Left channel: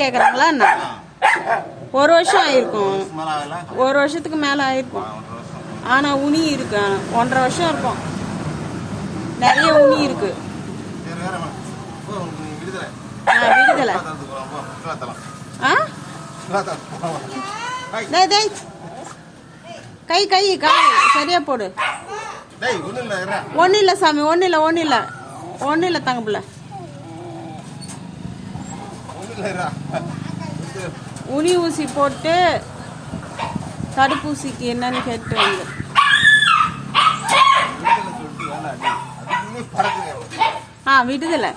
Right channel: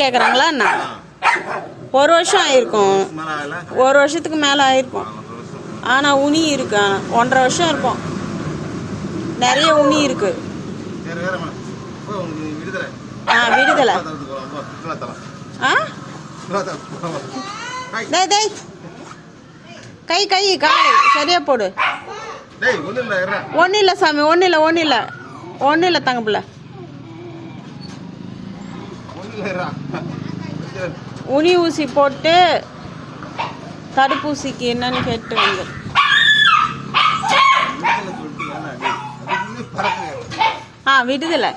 கேட்குறாங்களா என்ன? ஒரு வருஷம் ஆயிருக்கும், ஒரு வருஷத்துக்கு மேலே ஆயிருக்கும். ஆனால் உனி இருக்கு, 1.5 வருஷம் இருக்கும். நிறைய உனி இருக்கு. விடுதலை. டேய் கை கை காலை சரியா போடு. ஒன்றும் இல்லை சாமி, ஒன்றும் இல்லை தங்கப்பிள்ள. உனி ஊசி போட்டு தடுப்பூசிக்கு என்னன்னு கேட்டு வந்து விடுதலை.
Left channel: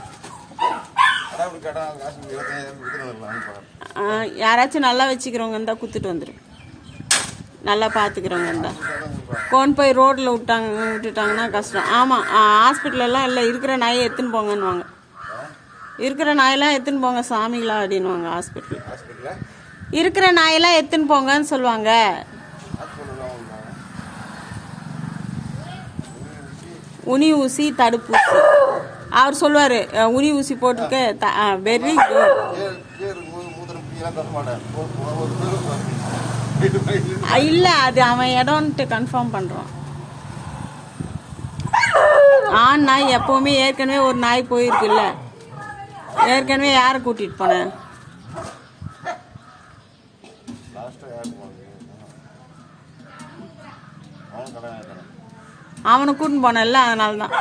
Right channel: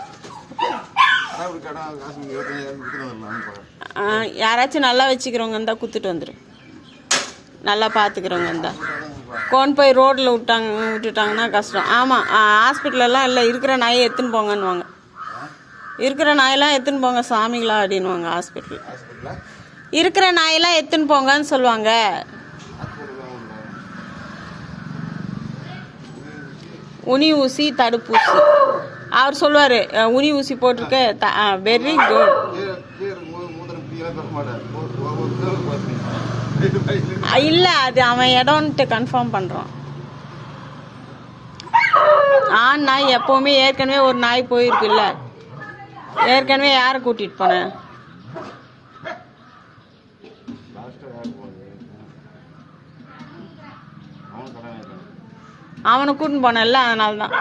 யாராச்சும் நல்லா வச்சுக்கிறவங்க இருந்தால் குத்துட்டு வந்துடும். நல்லா பார்த்துக்கிறவங்க இருந்தால் கொண்டு போய் ரோட்டில் விட்டுட்டாங்கன்னா கஷ்டம். ஆமாம், ஹாஸ்பிட்டலெல்லாம் இல்லை, இருக்கிற நாயை எடுத்துன்னு போங்கன்னுவாங்க. இருக்கிற நாயெல்லாம் எடுத்துன்னு போங்க சாமிங்களா அப்படின்வாங்க. ஹாஸ்பிட்டல் இருக்கிற நாயெல்லாம் எடுத்துன்னு போங்கன்னு சொல்லுவாங்க. உனி ஊசி தடுப்பூசி அவர் சொல்லுவார். உனி ஊசி போட்டிருக்க வெரி குட். இல்லை, அது அவன் இடம்ன்ட்டு கன்ஃபார்ம் பண்ணுறான். நாய் எப்போவுமே ஏற்கனவே ஒரு நாய் போயிருக்குல்ல, ஏற்கனவே யாரை கூட்டிகிட்டு போனேன்? அவனை கூட்டின்னு போனேன்ல, அதனால தான்.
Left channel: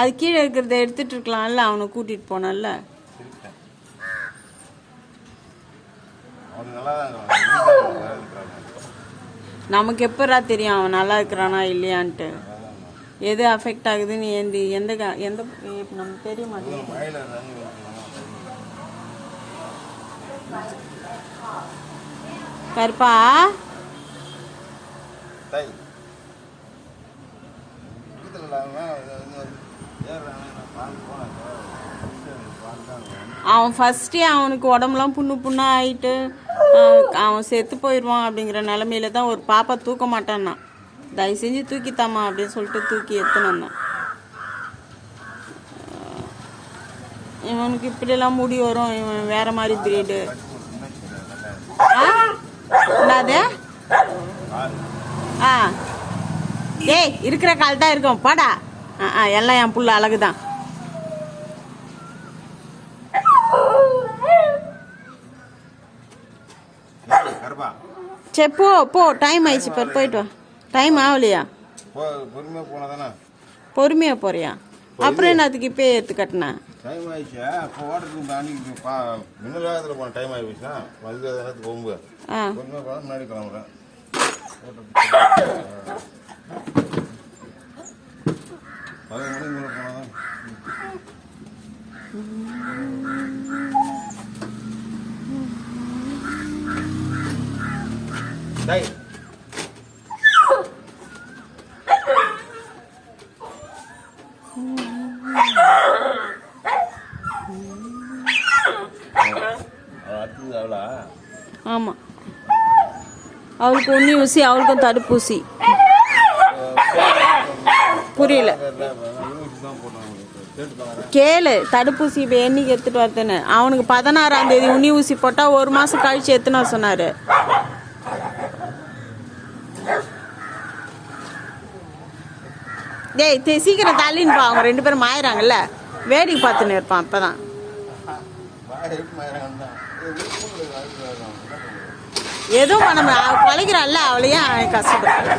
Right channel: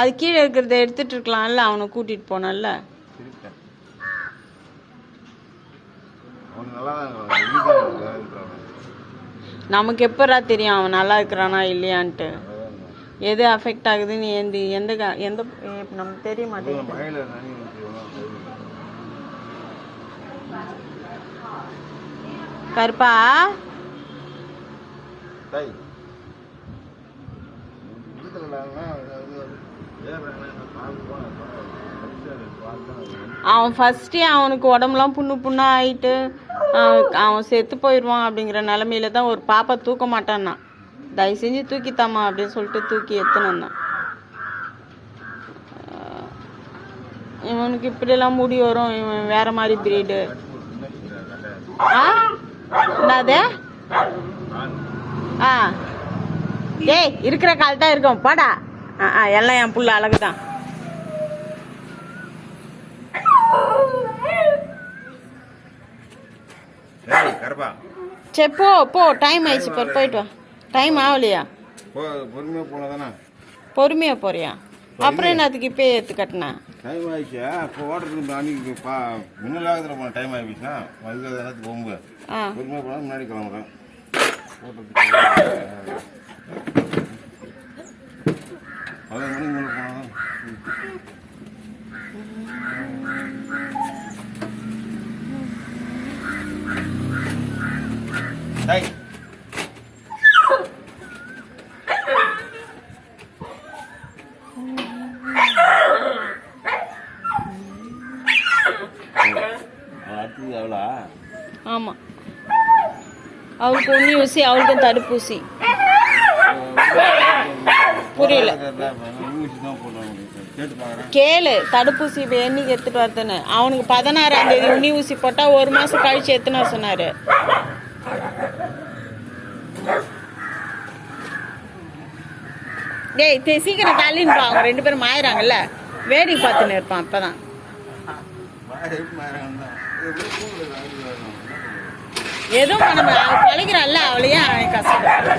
அது கீழே இருக்கிறத எடுத்துட்டு இருக்கலாம்ல, அவனை கூட்டிட்டு போனல. நமக்கு எப்படா தெரியும் அவன் நல்லா இருக்கிறானா இல்லையான்ட்டு? எது அஃபெக்ட் ஆகுதுன்னு எந்த நமக்கு தெரிய மாட்டேங்குது. கருப்பா அவன் ஃபர்ஸ்டே அவனுக்கு உடம்புலாம் புண்ணா ஆயிட்டு அவன் செத்து போயிடுவான் அப்படிங்கிற நிலமையில தான் ஒரு பாப்பா தூக்க மாட்டான்னா. தயவு செஞ்சு தூக்கித்தாமா அப்படின்னு சொல்லிட்டு தூக்கி எத்தணும்னா. இவனுக்கு இப்படியெல்லாம் முடி வரும், இவன் வேற மாதிரி பிரீடு. என்னது? ஏய், இருக்கிற கால் தான் இருக்கும் பாடா. எல்லாம் என் புள்ள அழகுதான். சரி போ, டைம் ஆயிடுச்சு, போயிட்டு வா. டைம் ஆகலையா? பொறுமையா போறியா? அப்புறம் என்ன அதுக்கு இப்போ ஏற்று கட்டினா? டைம் ஆயிடுச்சு. இப்போ ஓடுறதுக்கு டைம் ஆயிடுச்சா? பொறுமையா போனா முன்னாடி கிளம்புறேன். ஆமா, அவளுக்கு உண்ணி ஊசி, அவளுக்கும் தடுப்பூசி. புரியல, கேளு. தடுப்பூசி இப்போ என்னைக்கு எடுத்துட்டு வரதுன்னு? அவனுக்கு 16ஆம் தேதி உண்ணி ஊசி போட்டா 1 மாசம் கழிச்சு எத்தனை சொன்னாரு. டேய் சீக்கிரம் தள்ளின்னு பா, அவங்க 2 பேரும் மாயிறாங்கல்ல, வேடிக்கை பார்த்துன்னு இருப்பான். அப்பதான் எதுவும் நம்ம பழகிறான்ல, அவளையே கஷ்டப்பட.